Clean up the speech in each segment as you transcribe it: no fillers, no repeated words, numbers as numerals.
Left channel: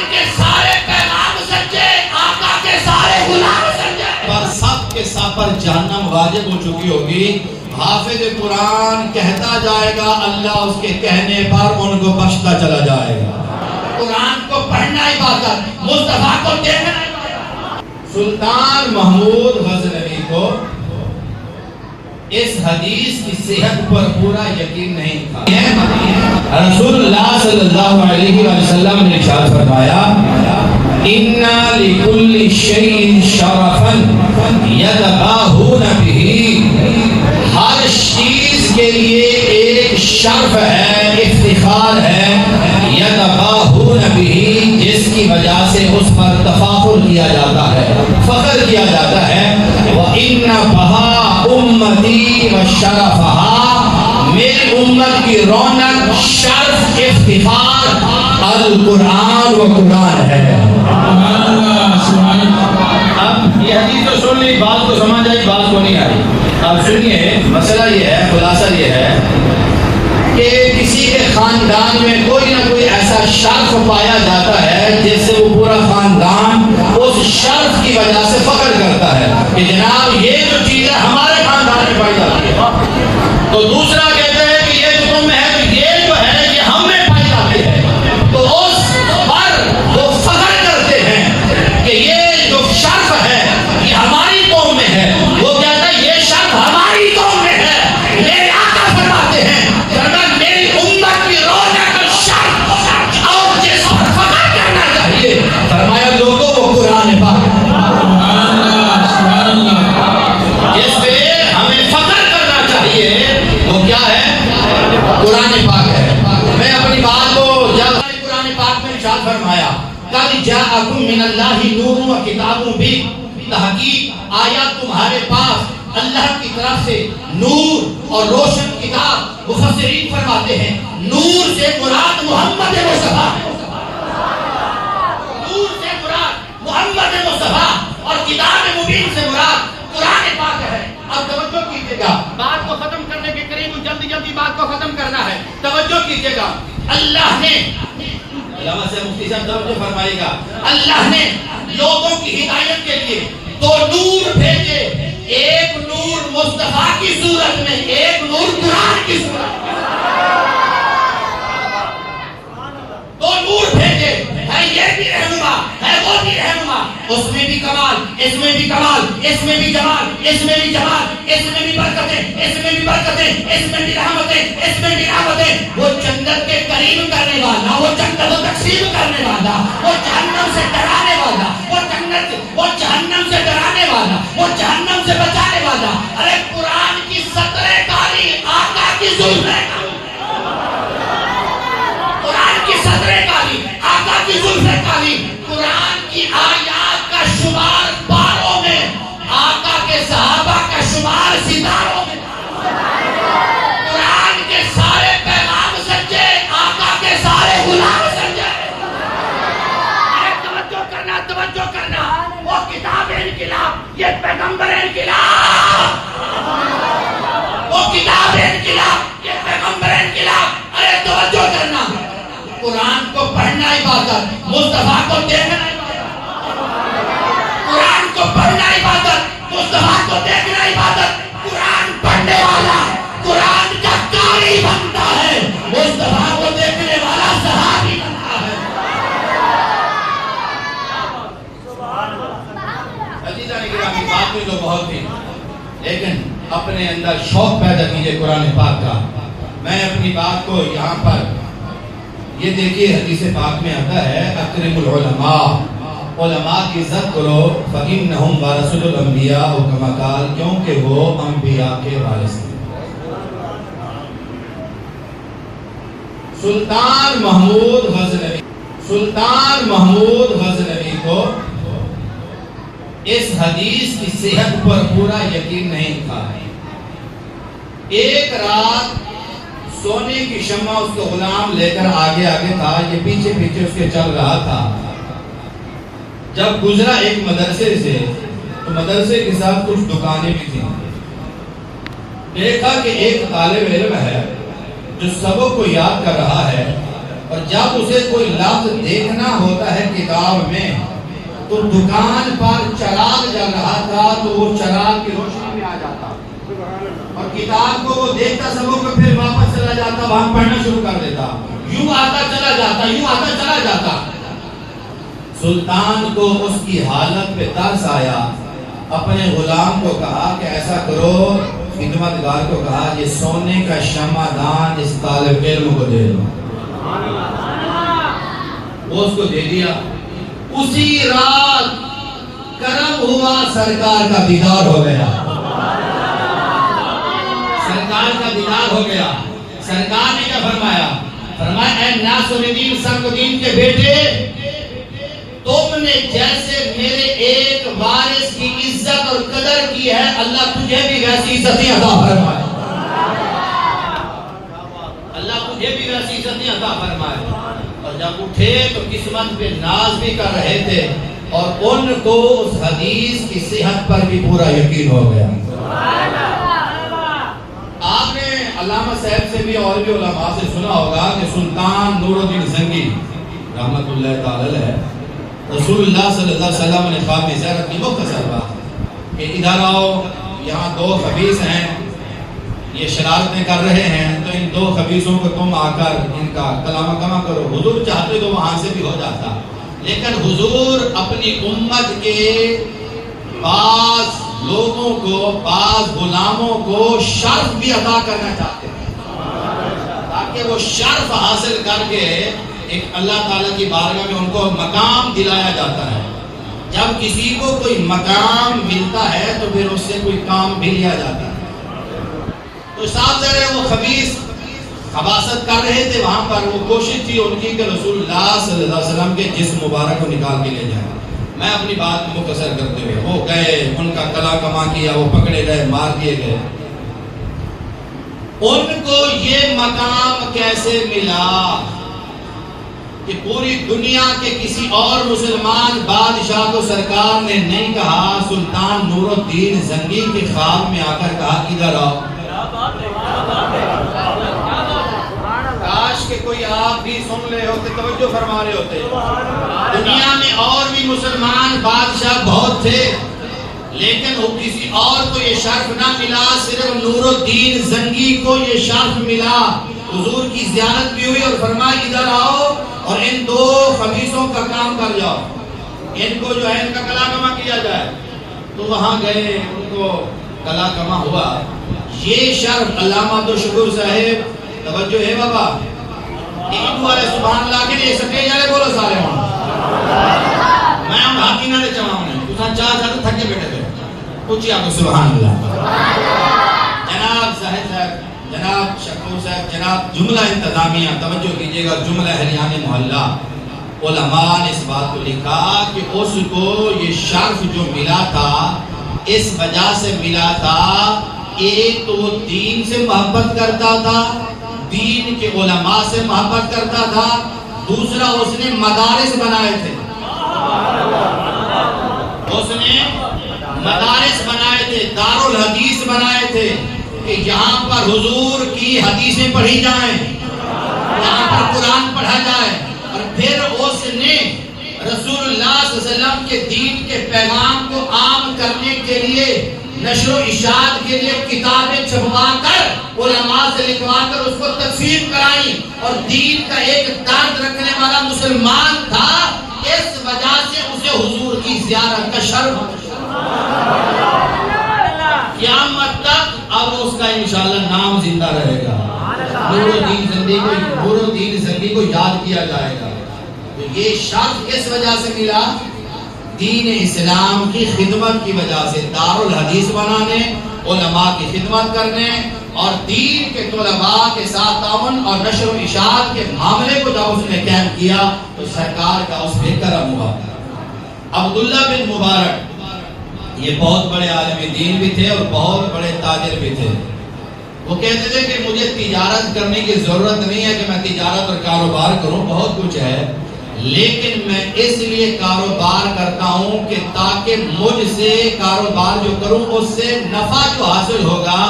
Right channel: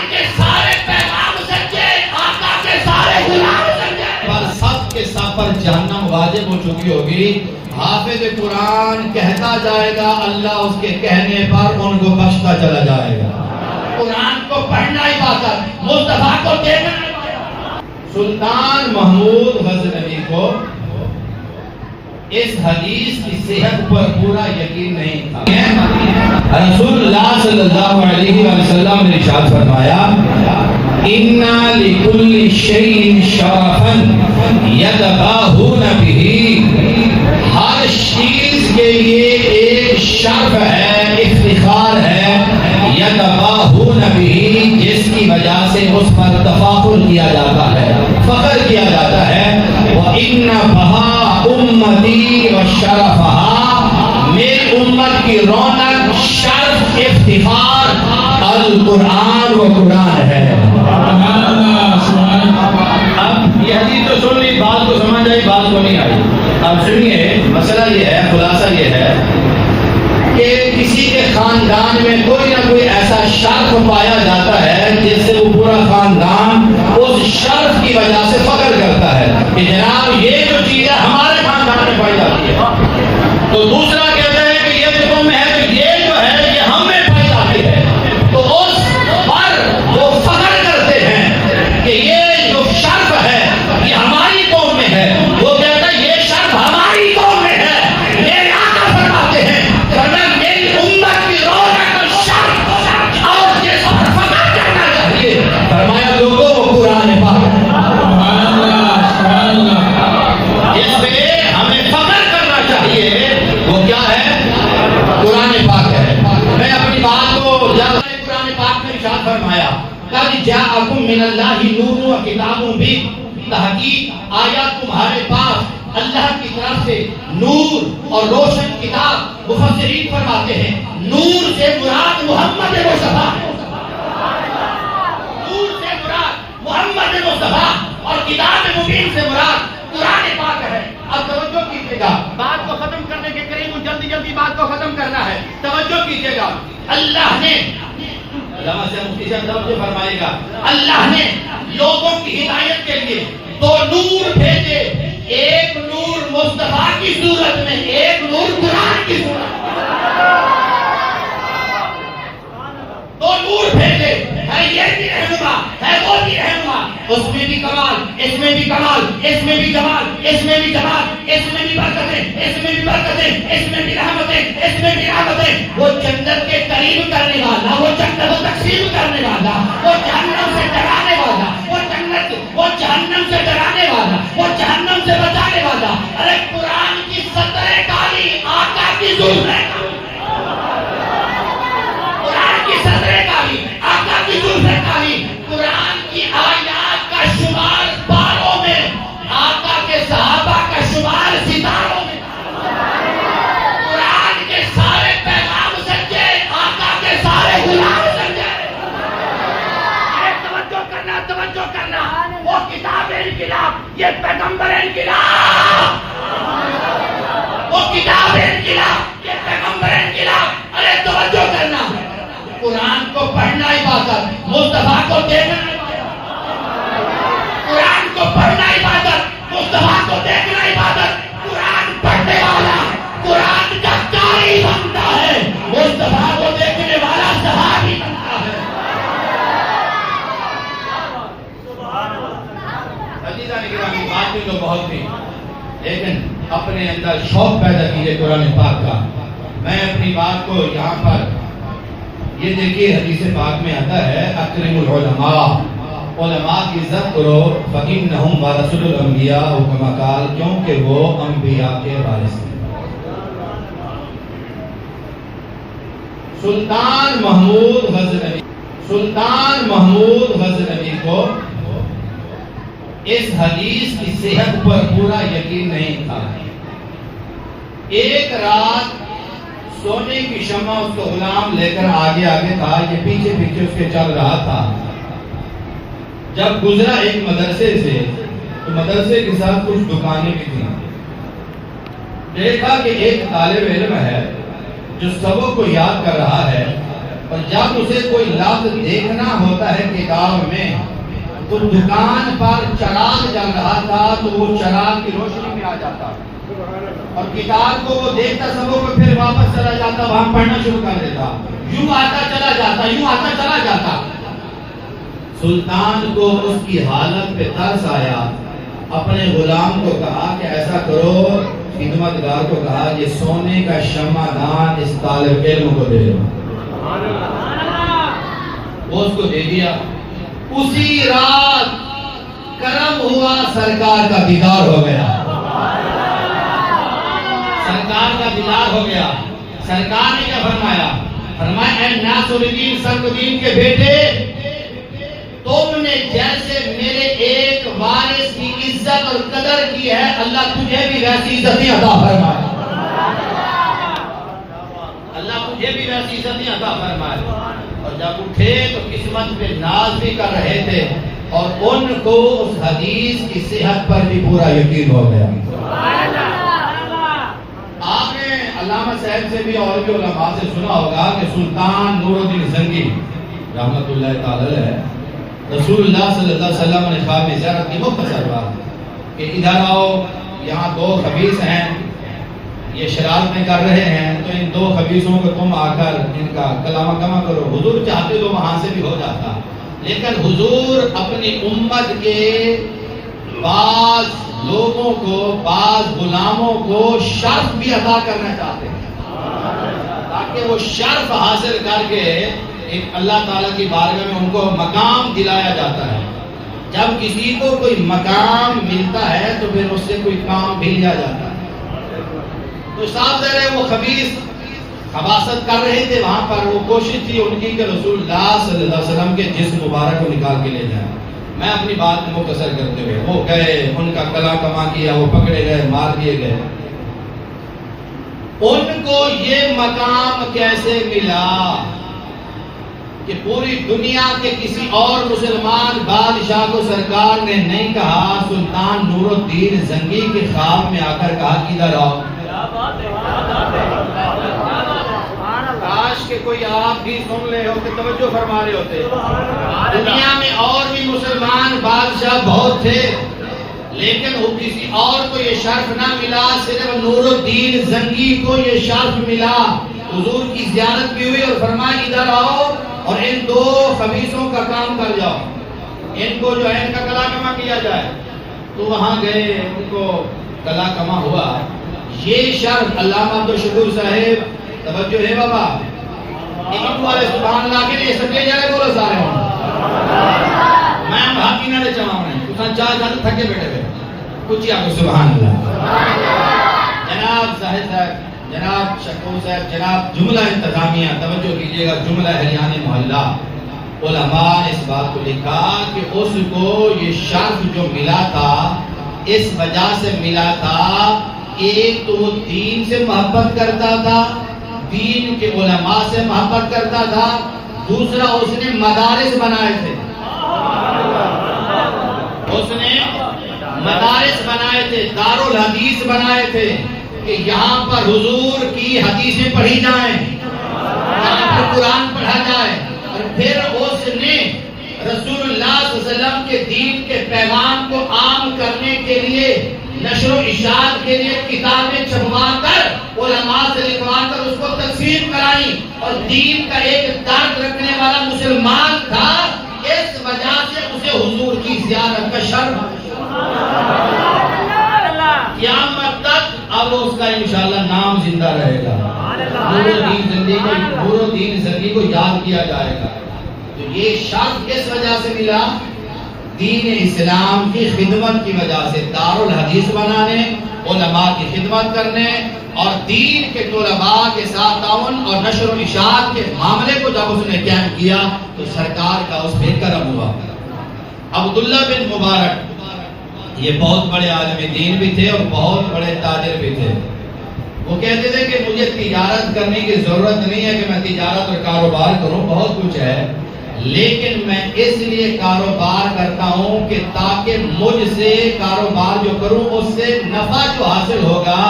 قرآن کے سارے پیغام سچے، آقا کے سارے غلام سچے، پر سب کے سب پر جہنم واجب ہو چکی ہوگی۔ حافظ قرآن کہتا جائے گا، اللہ اس کے کہنے پر ان کو بخشتا چلا جائے گا۔ قرآن کو پڑھنا عبادت، مصطفیٰ کو دیکھنا عبادت۔ سلطان محمود غزنوی کو اس حدیث کی صحت پر پورا یقین نہیں تھا۔ رسول اللہ صلی اللہ علیہ وسلم نے ارشاد فرمایا، اِنَّا لِكُلِّ شَيْءٍ شَرَفًا يَتَبَاهُونَ بِهِ، ہر چیز کے لیے ایک شرف ہے، افتخار ہے، يَتَبَاهُونَ بِهِ، جس کی وجہ سے اس پر تفاخر کیا جاتا ہے، فخر کیا جاتا ہے۔ وَإِنَّ بَهَا امتی و شرفہا، میری امت کی رونق، شرف، افتخار القرآن و قرآن ہے۔ اب یہ حدیث تو سن لی، بات کو سمجھ آئی، بات کو نہیں آئی۔ اب سنیے، مسئلہ یہ ہے، خلاصہ یہ ہے کہ کسی کے خاندان میں کوئی نہ کوئی ایسا شرف پایا جاتا ہے جس سے وہ پورا خاندان اس شرف کی وجہ سے فخر کرتا ہے کہ جناب یہ جو چیز ہے ہمارے خاندان میں پائی جاتی ہے، تو دوسرا کہتا ہے کہ یہ جو تم ہے تو یہ جو ہے یہ ہم میں پائی جاتی ہے، تو اس پر وہ فخر کرتے ہیں کہ یہ جو شرف ہے یہ ہماری قوم میں ہے۔ وہ کہتا ہے یہ شرف ہماری قوم میں ہے۔ میرے آقا فرماتے ہیں میری امت کی رونق، شرف اور جس پر فخر کرنا چاہیے، فرمایا لوگوں وہ قرآن پاک ہے، جس پہ ہمیں فخر کرنا چاہیے، وہ کیا ہے؟ قرآن پاک ہے۔ میں اپنی بات کو جب قرآن پاک میں ارشاد فرمایا قد جاءکم من اللہ نور و کتاب مبین، تحقیق آیا تمہارے پاس اللہ کی طرف سے نور اور روشن کتاب۔ مفسرین فرماتے ہیں نور سے مراد محمد مصطفیٰ ہے، نور سے مراد محمد مصطفیٰ، اور کتاب مبین سے مراد قرآن پاک ہے۔ اب توجہ کیجئے گا، بات کو ختم کرنے کے قریب ہوں، جلدی جلدی بات کو ختم کرنا ہے، توجہ کیجئے گا۔ اللہ نے، علامہ سے مفتی صاحب توجہ فرمائے گا، اللہ نے لوگوں کی ہدایت کے لیے دو نور بھیجے، ایک نور مصطفیٰ کی صورت میں، ایک نور قرآن کی صورت میں، دو نور بھیجے، ہے یہ بھی رہنما، ہے وہ بھی رہنما، اس میں بھی کمال، اس میں بھی کمال، اس میں بھی جمال، اس میں بھی جمال، اس میں بھی برکتیں، اس میں بھی برکتیں، اس میں بھی رحمتیں، اس میں بھی رحمتیں۔ وہ جنت کے قریب کرنے والا، وہ جنت کو تقسیم کرنے والا، وہ جہنم سے ڈرانے والا، وہ جہنم سے ڈرانے والا، وہ جہنم سے بچانے والا۔ ارے قرآن کی سطر کاری، آقا کی زلفیں کاری، قرآن کی سطر کاری، آقا کی زلفیں کاری، قرآن کی آیات کا شمار باروں میں، آقا کے صحابہ کا شمار ستاروں میں، قرآن کے سارے پیغام سچے، آقا کے سارے غلام سچے۔ توجہ کرنا، وہ کتاب انقلاب، یہ پیغمبر انقلاب، وہ کتاب انقلاب، یہ پیغمبر انقلاب۔ ارے توجہ کرنا، قرآن کو پڑھنا عبادت، مصطفیٰ کو دیکھنا عبادت، قرآن کو پڑھنا عبادت، مصطفیٰ کو دیکھنا عبادت۔ قرآن پڑھنے والا قرآن کا قاری بنتا ہے، مصطفیٰ کو دیکھنے والا صحابی بنتا ہے۔ عزیزان گرامی، بات بھی تو بہت تھی، لیکن اپنے اندر شوق پیدا کیجئے قرآن پاک کا۔ میں اپنی بات کو یہاں پر یہ دیکھیے، حدیث پاک میں آتا ہے اکرم العلماء، علماء کی عزت کرو، فإنہم ورثۃ الانبیاء، کما قال، کیونکہ وہ انبیاء کے وارث ہیں۔ سلطان محمود غزنوی کو اس حدیث کی صحت پر پورا یقین نہیں تھا۔ ایک رات سونے کی شمع اس کو غلام لے کر آگے تھا، یہ پیچھے پیچھے اس کے چل رہا تھا۔ جب گزرا ایک مدرسے سے، تو مدرسے کے ساتھ کچھ دکانیں بھی تھیں۔ دیکھا کہ ایک طالب علم ہے جو سبق کو یاد کر رہا ہے، اور جب اسے کوئی لفظ دیکھنا ہوتا ہے کتاب میں تو دکان پر چراغ جل رہا تھا تو وہ چراغ کی روشنی میں آ جاتا اور کتاب کو وہ دیکھتا سب کو پھر واپس چلا جاتا وہاں پڑھنا شروع کر دیتا یوں آتا چلا جاتا یوں آتا چلا جاتا سلطان کو اس کی حالت پہ ترس آیا اپنے غلام کو کہا کہ ایسا کرو خدمتگار کو کہا یہ سونے کا شمع دان اس طالب علم کو دے دو وہ اس کو دے دیا اسی رات کرم ہوا سرکار کا دیدار ہو گیا سرکار کا دیدار ہو گیا سرکار نے کیا فرمایا اے ناصر الدین سرکدین کے بیٹے تم نے جیسے میرے ایک وارث کی عزت اور قدر کی ہے اللہ تجھے بھی ویسی عزتیں عطا فرمائے اللہ تجھے بھی ویسی عزتیں عطا فرمائے اور جب اٹھے تو قسمت پہ ناز بھی کر رہے تھے اور ان کو اس حدیث کی صحت پر بھی پورا یقین ہو گیا آپ نے علامہ صاحب سے بھی اور بھی علماء سے سنا ہوگا کہ سلطان نور الدین زنگی رحمت اللہ تعالی علیہ رسول اللہ صلی اللہ علیہ وسلم نے خواب میں زیارت کی مختصر بات کہ ادھر آؤ یہاں دو خبیث ہیں یہ شرارتیں کر رہے ہیں تو ان دو خبیثوں کو تم آ کر ان کا کلام کما کرو حضور چاہتے تو وہاں سے بھی ہو جاتا لیکن حضور اپنی امت کے بعض لوگوں کو بعض غلاموں کو شرف بھی عطا کرنا چاہتے ہیں تاکہ وہ شرف حاصل کر کے ایک اللہ تعالیٰ کی بارگاہ میں ان کو مقام دلایا جاتا ہے جب کسی کو کوئی مقام ملتا ہے تو پھر اس سے کوئی کام بھی لیا جاتا ہے تو صاحب ذرا وہ خبیث خباثت کر رہے تھے وہاں پر وہ کوشش تھی ان کی کہ رسول اللہ صلی اللہ علیہ وسلم کے جسم مبارک کو نکال کے لے جائیں میں اپنی بات مختصر کرتے ہوئے وہ گئے ان کا کلا کما کیا وہ پکڑے گئے مار دیے گئے ان کو یہ مقام کیسے ملا کہ پوری دنیا کے کسی اور مسلمان بادشاہ کو سرکار نے نہیں کہا سلطان نور الدین زنگی کے خواب میں آ کر کہا ادھر آؤ کاش کہ کوئی آپ بھی سن رہے ہوتے توجہ فرما رہے ہوتے دنیا میں اور بھی مسلمان بادشاہ بہت تھے لیکن کسی اور کو یہ شرف نہ ملا صرف نور الدین زنگی کو یہ شرف ملا حضور کی زیارت بھی ہوئی اور فرمایا ادھر آؤ اور ان دو خبیثوں کا کام کر جاؤ ان کو جو ہے ان کا کلا کما کیا جائے تو وہاں گئے ان کو کلا کما ہوا یہ شرف علامہ عبدالشکور صاحب توجہ ہے بابا ایک والے سبحان اللہ کے لیے سکے جارے بولو سارے ہوں میں ہم بھاکی نہ دے چاہوں نے تُسان چاہ چاہتے تھکے بیٹھے تھے پوچھئے آپ کو سبحان اللہ جناب صاحب جناب شکو صاحب جناب جملہ انتظامیہ توجہ کیجئے گا جملہ اہلیان محلہ علماء نے اس بات کو لکھا کہ اس کو یہ شرف جو ملا تھا اس وجہ سے ملا تھا ایک تو وہ دین سے محبت کرتا تھا دین کے علماء سے محبت کرتا تھا دوسرا اس نے مدارس بنائے تھے اس نے مدارس بنائے تھے دارالحدیث بنائے تھے کہ یہاں پر حضور کی حدیثیں پڑھی جائیں یہاں پر قرآن پڑھا جائے اور پھر اس نے رسول اللہ صلی اللہ علیہ وسلم کے دین کے پیغام کو عام کرنے کے لیے نشر و اشاعت کے لیے کتابیں چھپوا کر علماء سے لکھوا کر اس کو تقسیم کرائی اور دین کا ایک درد رکھنے والا مسلمان تھا اس وجہ سے اسے حضور کی زیارت کا شرف قیامت تک اب اس کا انشاءاللہ نام زندہ رہے گا نور الدین زنگی کو یاد کیا جائے گا تو یہ شرف کس وجہ سے ملا دین اسلام کی خدمت کی وجہ سے دارالحدیث بنانے علماء کی خدمت کرنے اور دین کے طلباء کے ساتھ تعاون اور نشر و اشاعت کے معاملے کو جب اس نے قائم کیا تو سرکار کا اس پہ کرم ہوا عبداللہ بن مبارک یہ بہت بڑے عالم دین بھی تھے اور بہت بڑے تاجر بھی تھے وہ کہتے تھے کہ مجھے تجارت کرنے کی ضرورت نہیں ہے کہ میں تجارت اور کاروبار کروں بہت کچھ ہے لیکن میں اس لیے کاروبار کرتا ہوں کہ تاکہ مجھ سے کاروبار جو کروں اس سے نفع جو حاصل ہوگا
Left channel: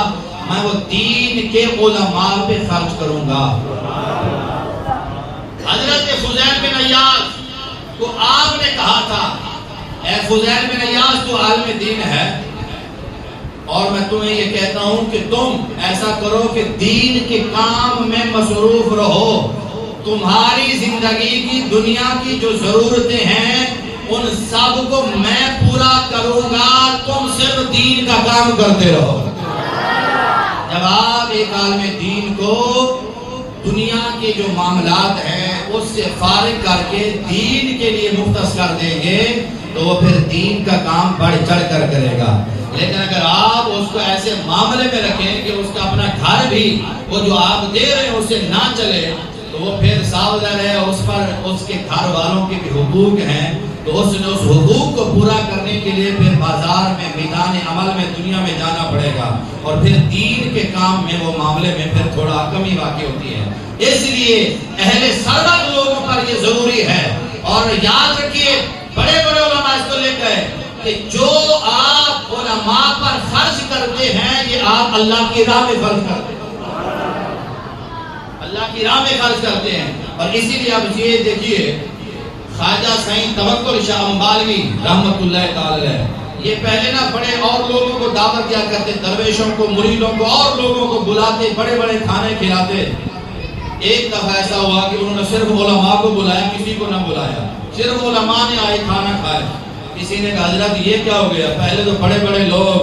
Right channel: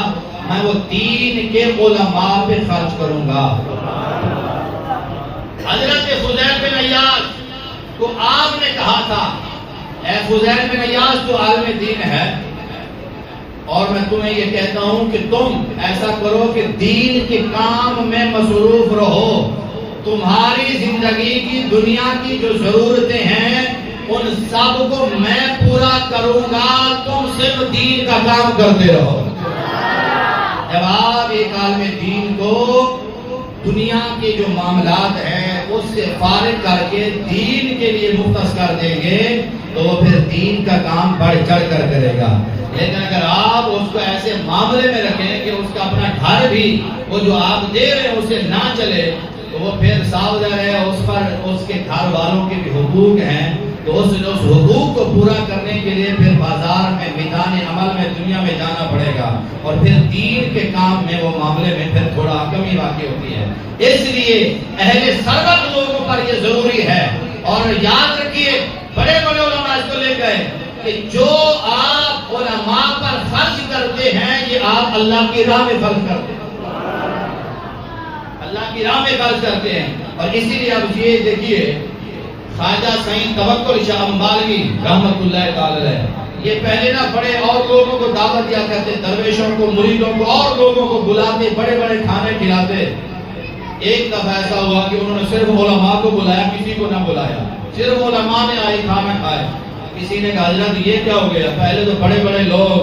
میں وہ دین کے علماء پہ خرچ کروں گا حضرت فضیل بن عیاض کو آپ نے کہا تھا اے فضیل بن عیاض تو عالم دین ہے اور میں تمہیں یہ کہتا ہوں کہ تم ایسا کرو کہ دین کے کام میں مصروف رہو، تمہاری زندگی کی دنیا کی جو ضرورتیں ہیں ان سب کو میں پورا کروں گا، تم صرف دین کا کام کرتے رہو۔ جب آپ ایک عالم دین کو دنیا کے جو معاملات ہیں اس سے فارغ کر کے دین کے لیے مختص کر دیں گے تو وہ پھر دین کا کام بڑھ چڑھ کر کرے گا۔ لیکن اگر آپ اس کو ایسے معاملے میں رکھیں کہ اس کا اپنا گھر بھی وہ جو آپ دے رہے ہیں اسے نہ چلے تو وہ پھر ساودھان ہے، اس پر اس کے گھر والوں کے بھی حقوق ہیں تو اس حقوق کو پورا کرنے کے لیے پھر بازار میں میدان عمل میں دنیا میں جانا پڑے گا اور پھر دین کے کام میں وہ معاملے میں پھر تھوڑا کمی واقع ہوتی ہے۔ اس لیے اہل ثروت لوگوں پر یہ ضروری ہے اور یاد رکھیے بڑے بڑے علماء اس کو لے گئے کہ جو آپ علماء پر خرچ کرتے ہیں یہ آپ اللہ کی راہ میں خرچ کرتے ہیں، اللہ کی راہ میں خرچ کرتے ہیں۔ اور اسی لیے اب یہ دیکھیے خواجہ سعید توکل شاہ مالوی رحمت اللہ تعالی علیہ یہ پہلے نا بڑے اور لوگوں کو دعوت دیا کرتے، درویشوں کو، مریدوں کو اور لوگوں کو بلاتے، بڑے بڑے کھانے کھلاتے۔ ایک دفعہ ایسا ہوا کہ انہوں نے صرف علماء کو بلایا، کسی کو نہ بلایا، صرف علماء نے آئے کھانا کھائے۔ کسی نے کہا حضرت یہ کیا ہو گیا، پہلے تو بڑے بڑے لوگ،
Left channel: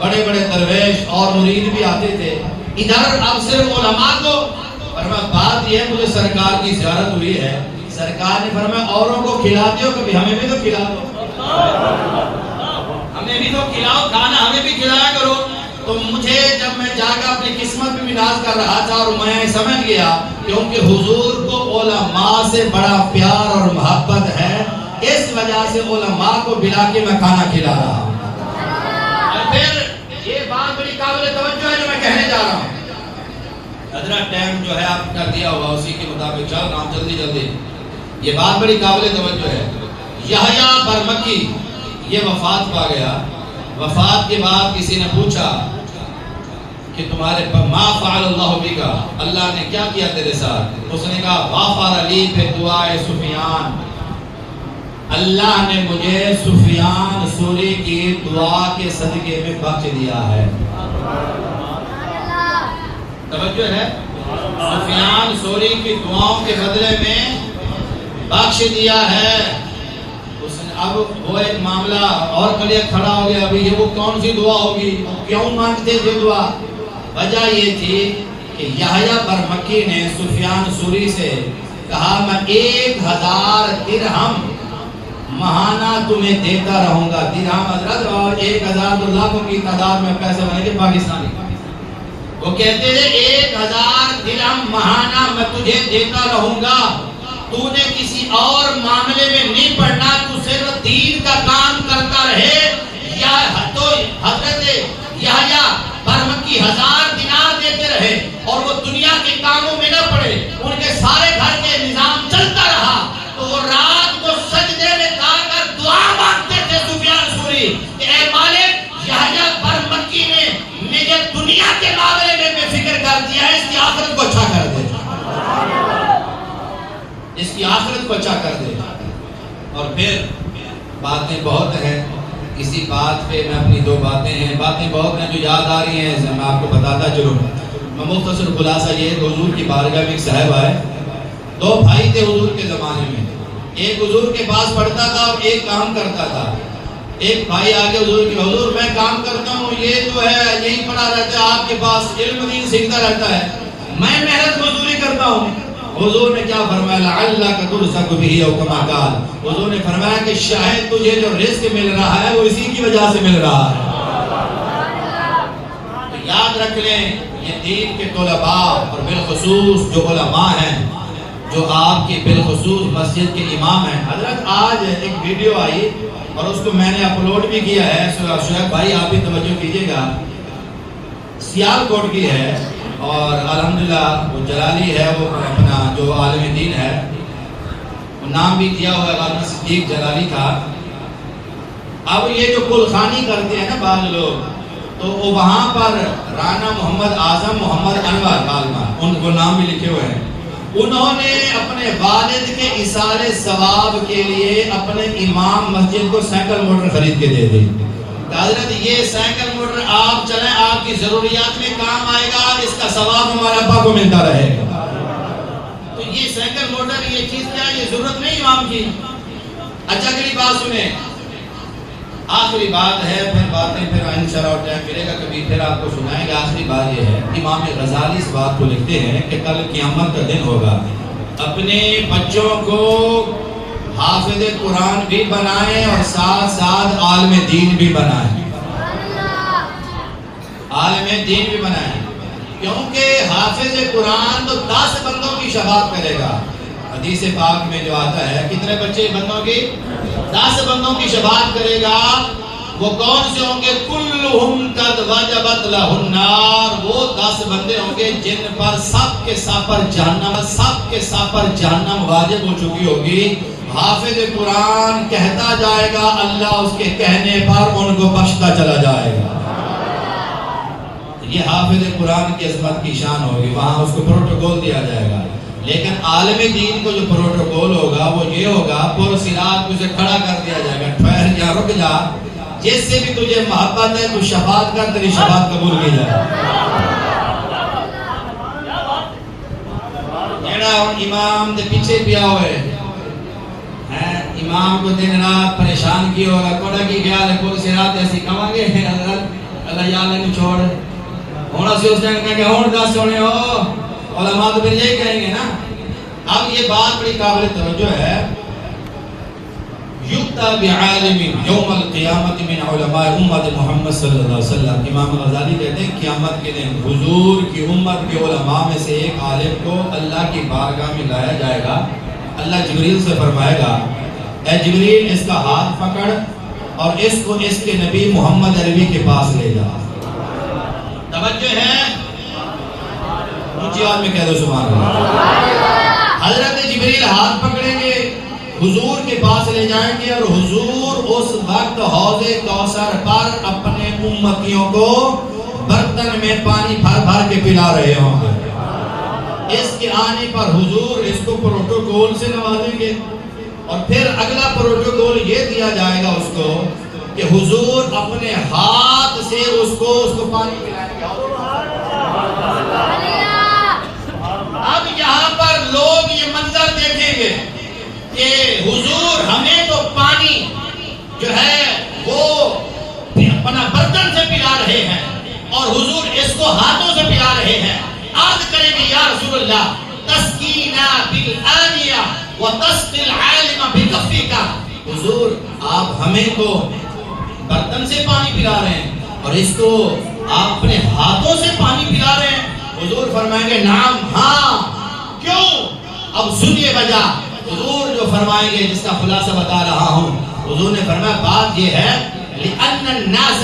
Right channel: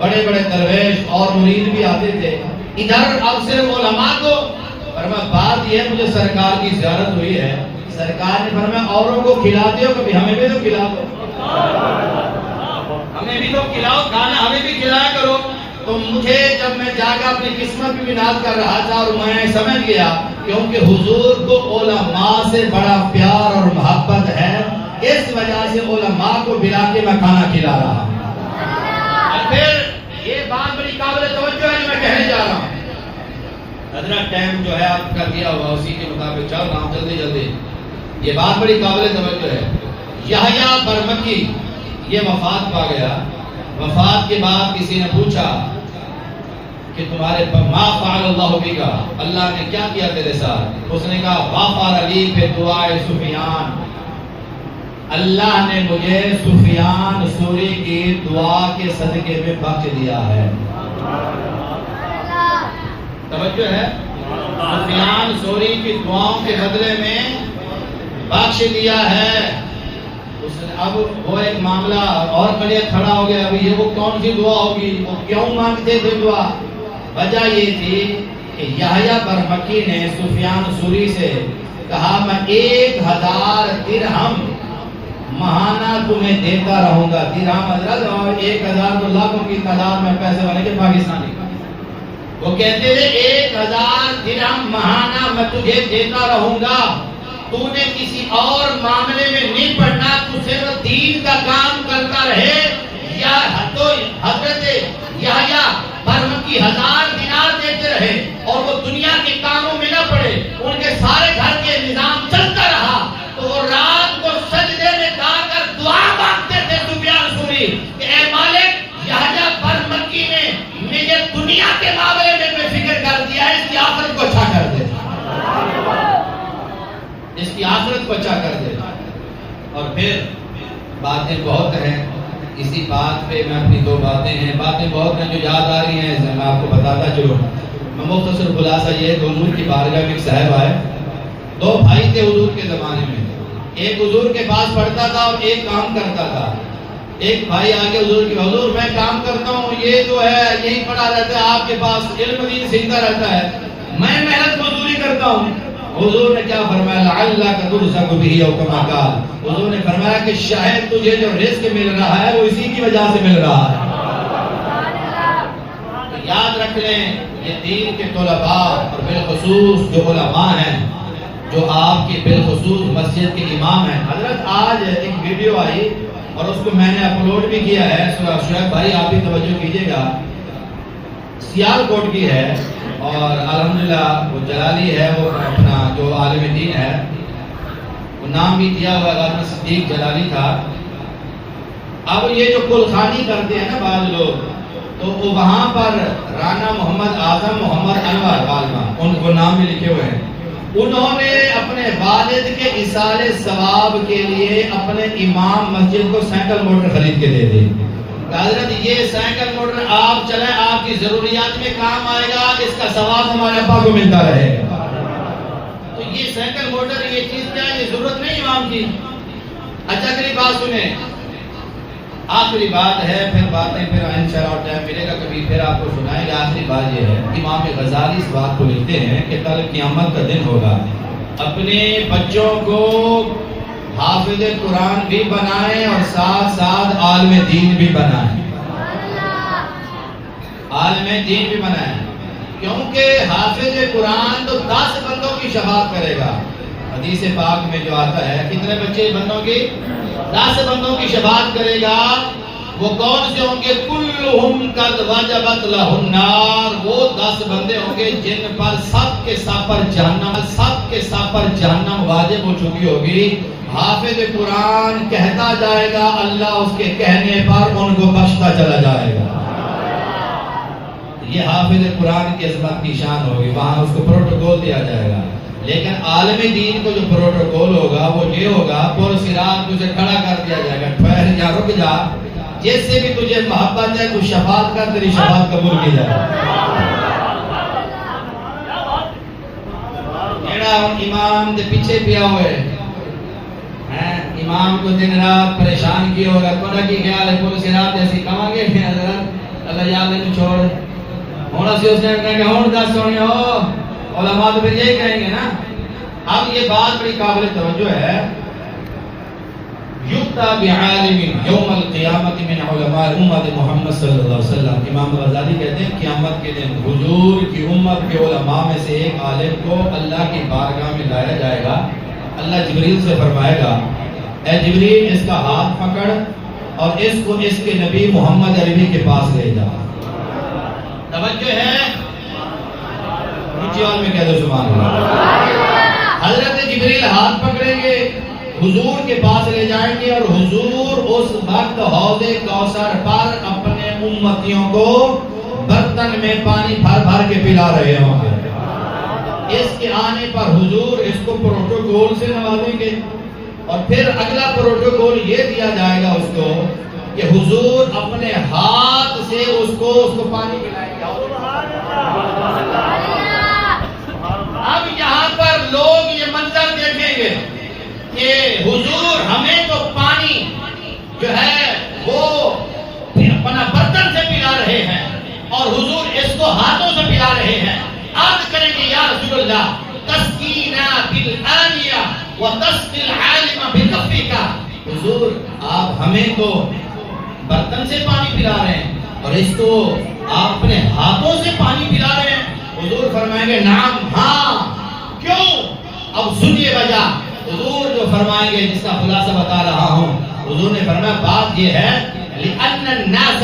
بڑے بڑے درویش اور مرید بھی آتے تھے، ادھر اب صرف علماء کو۔ فرمایا بات یہ ہے مجھے سرکار کی زیارت ہوئی ہے، سرکار نے فرمایا اوروں کو کھلاتے ہو کبھی ہمیں بھی تو کھلا دو، ہمیں بھی تو کھلاؤ، کھانا ہمیں بھی کھلایا کرو۔ تو مجھے جب میں جا کر اپنی قسمت پہ بھی ناز کر رہا تھا اور میں سمجھ گیا کیونکہ حضور کو علماء سے بڑا پیار اور محبت ہے، اس وجہ سے علماء کو بلا کے میں کھانا کھلا رہا ہوں۔ پھر یہ بات بڑی قابل توجہ ہے جو میں کہنے جا رہا ہوں۔ حضرت ٹائم جو ہے آپ کا دیا ہوا اسی کے مطابق چل رہا ہوں جلدی جلدی۔ یہ بات بڑی قابل توجہ ہے۔ یحییٰ برمکی یہ وفات پا گیا، وفات کے بعد کسی نے پوچھا کہ تمہارے ما فعل اللہ بکا، اللہ نے کیا کیا تیرے ساتھ؟ اس نے کہا غفر لی بدعائے سفیان، اللہ نے مجھے سفیان ثوری کی دعا کے صدقے میں بخش دیا ہے۔ توجہ ہے، سفیان ثوری کی دعاؤں کے بدلے میں بخش دیا ہے۔ اس نے اب وہ ایک معاملہ اور کھڑا ہو گیا، ابھی یہ وہ کون سی دعا ہوگی، وہ کیوں مانگتے تھے دعا؟ وجہ یہ تھی کہ یحییٰ برمکی نے سفیان ثوری سے کہا میں 1000 درہم ماہانہ تمہیں دیتا رہوں گا۔ درہم حضرت اور 1000 تو لاکھوں کی تعداد میں پیسے بنے گے پاکستانی۔ وہ کہتے تھے 1000 درہم ماہانہ میں تجھے دیتا رہوں گا، تو نے کسی اور معاملے میں نہیں پڑھنا، تو صرف دین کا کام کرتا رہے۔ یا تو حضرت یحییٰ برمکی 1000 دینار دیتے رہے اور وہ دنیا کے کاموں میں نہ پڑے، ان کے سارے گھر کے نظام چلتا رہا تو وہ رات کو سجدے میں جا کر دعا مانگتے تھے سفیان ثوری کہ اے مالک یحییٰ برمکی نے مجھے دنیا کے معاملے میں بے فکر کر دیا ہے، اس کی آخرت کو اچھا کر دے، اس کی آخرت کو اچھا کر دے۔ اور پھر باتیں بہت ہیں، اسی بات پہ میں اپنی 2 باتیں ہیں، باتیں بہت ہیں جو یاد آ رہی ہیں، میں آپ کو بتاتا چلوں۔ میں مختصر خلاصہ یہ ہے کہ حضور کی بارگاہ میں ایک صاحب آئے، 2 بھائی تھے حضور کے زمانے میں، ایک حضور کے پاس پڑھتا تھا اور ایک کام کرتا تھا۔ ایک بھائی آگے حضور کی، حضور میں کام کرتا ہوں، یہ جو ہے یہی پڑھا رہتا ہے آپ کے پاس، علم دین سیکھتا رہتا ہے، میں محنت مزدوری کرتا ہوں۔ حضور نے کیا فرمایا؟ لعلک ترزق بہ او کما قال، حضور نے فرمایا کہ شاید تجھے جو رزق مل رہا ہے وہ اسی کی وجہ سے مل رہا ہے۔ تو یاد رکھ لیں یہ دین کے طلباء اور بالخصوص جو علماء ہیں، جو آپ کے بالخصوص مسجد کے امام ہیں۔ حضرت آج ایک ویڈیو آئی اور اس کو میں نے اپلوڈ بھی کیا ہے، شعیب بھائی آپ بھی توجہ کیجئے گا، سیالکوٹ کی ہے اور الحمدللہ وہ جلالی ہے، وہ اپنا جو عالم دین ہے، وہ نام بھی دیا ہوا غازی صدیق جلالی تھا۔ اب یہ جو کلخانی کرتے ہیں نا بعض لوگ، تو وہ وہاں پر رانا محمد اعظم محمد انور عالمہ ان کو نام بھی لکھے ہوئے ہیں، انہوں نے اپنے والد کے ایصال ثواب کے لیے اپنے امام مسجد کو سائیکل موٹر خرید کے دے دی. حضرت یہ سائیکل موٹر آپ چلیں، آپ کی ضروریات میں کام آئے گا، اس کا ثواب ہمارے ابا کو ملتا رہے گا. تو یہ سائیکل موٹر یہ چیز کیا ہے؟ یہ ضرورت نہیں امام کی. اچھا اگلی بات سنیں، آخری بات ہے، پھر باتیں پھر انشاءاللہ ٹائم ملے گا کبھی پھر آپ کو سنائیں گا. آخری بات یہ ہے، امام غزالی اس بات کو لکھتے ہیں کہ کل قیامت کا دن ہوگا، اپنے بچوں کو حافظ قرآن بھی بنائیں اور ساتھ ساتھ عالم دین بھی بنائیں. عالم دین بھی بنائیں، کیونکہ حافظ قرآن تو 10 بندوں کی شفاعت کرے گا. حدیث پاک میں جو آتا ہے کتنے بچے بندوں کی؟ 10 بندوں کی شفاعت کرے گا. وہ کون سے ہوں گے؟ کلہم قد وجبت لہ النار. وہ 10 بندے ہوں گے جن پر سب کے سب پر جہنم واجب ہو چکی ہوگی. حافظ قرآن کہتا جائے گا، اللہ اس کے کہنے پر ان کو بخشتا چلا جائے گا. یہ حافظ قرآن کی عظمت کی شان ہوگی، وہاں اس کو پروٹوکول دیا جائے گا. لیکن عالم دین کو جو پروٹوکول ہوگا وہ یہ ہوگا، پر صراط تجھے کھڑا کر دیا جائے گا، ٹھہر جا، رک جا، جس سے بھی تجھے محبت ہے تو شفاعت کر، تیری شفاعت قبول کی جائے. جڑا امام دے پیچھے پیا ہوئے امام کو دن رات پریشان کیا ہوگا، کوڑا کی خیال ہے پور صراط ایسی کہاں گے حضرت اللہ یا اللہ کو چھوڑ ہونا سے اس نے کہا کہ ہون 10 سونے ہو. علماء تو پھر یہی کہیں گے نا. اب یہ بات بڑی قابل توجہ ہے. یُقْتَى بِعَالِمٍ یوم القیامت من علماء امت محمد صلی اللہ علیہ وسلم. امام غزالی کہتے ہیں قیامت کے دن حضور کی امت کے علماء میں سے ایک عالم کو اللہ کی بارگاہ میں لایا جائے گا. اللہ جبریل سے فرمائے گا، اے جبریل اس کا ہاتھ پکڑ اور اس کو اس کے نبی محمد عربی کے پاس لے جا. توجہ ہے، اونچی آواز میں کہہ دو سبحان اللہ. حضرت جبریل ہاتھ پکڑیں گے، حضور کے پاس لے جائیں گے اور حضور اس وقت حوض کوثر پر اپنے امتیوں کو برتن میں پانی بھر بھر کے پلا رہے ہوں گے. اس کے آنے پر حضور اس کو پروٹوکول سے نوازیں گے اور پھر اگلا پروٹوکول یہ دیا جائے گا اس کو کہ حضور اپنے ہاتھ سے اس کو پانی پلائیں گے. اب یہاں پر لوگ یہ منظر دیکھیں گے کہ حضور ہمیں تو پانی جو ہے وہ اپنا برتن سے پلا رہے ہیں اور حضور اس کو ہاتھوں سے پلا رہے ہیں. عرض کریں گے یا رسول اللہ تسقینا بالآنیہ وتسقی العالم بکفیک. حضور آپ ہمیں تو برتن سے پانی پلا رہے ہیں اور اس کو آپ اپنے ہاتھوں سے پانی پلا رہے ہیں. حضور فرمائیں گے نعم، ہاں. کیوں؟ اب سنیے وجہ. حضور جو فرمائیں گے جس کا خلاصہ بتا رہا ہوں، حضور نے فرمایا بات یہ ہے لِأَنَّ النَّاسَ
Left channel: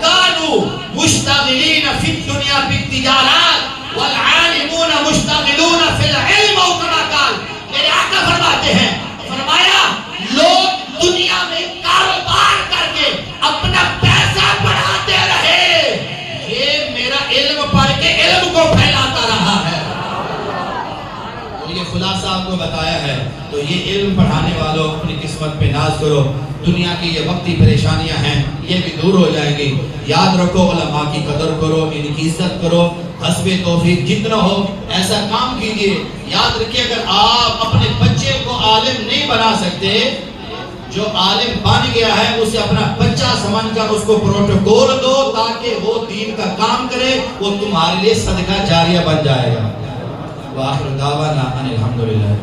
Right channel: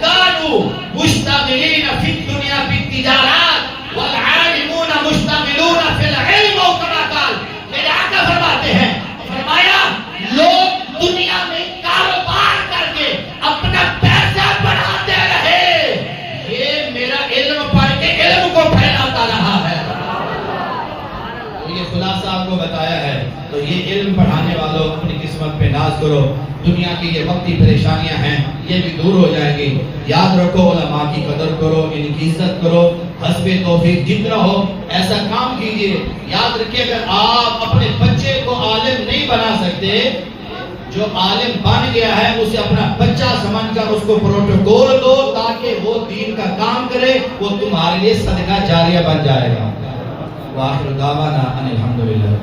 كَانُوا مُشْتَغِلِينَ فِي الدُّنْيَا بِالتِّجَارَاتِ والعالمون مشتغلون فی العلم او کما قال. میرے آقا فرماتے ہیں، فرمایا لوگ دنیا میں کاروبار کر کے اپنا پیسہ بڑھاتے رہے، یہ میرا علم پڑھ کے علم کو پھیلاتا رہا ہے. تو یہ خلاصہ آپ کو بتایا ہے. تو یہ علم پڑھانے والوں اپنی قسمت پہ ناز کرو. دنیا کی یہ وقتی پریشانیاں ہیں یہ بھی دور ہو جائیں گی. یاد رکھو علماء کی قدر کرو، ان کی عزت کرو، حسب توفیق جتنا ہو ایسا کام کیجئے. یاد رکھیے اگر آپ اپنے بچے کو عالم نہیں بنا سکتے، جو عالم بن گیا ہے اسے اپنا بچہ سمجھ کر اس کو پروٹوکول دو تاکہ وہ دین کا کام کرے، وہ تمہارے لیے صدقہ جاریہ بن جائے گا. وآخر دعوانا ان الحمدللہ.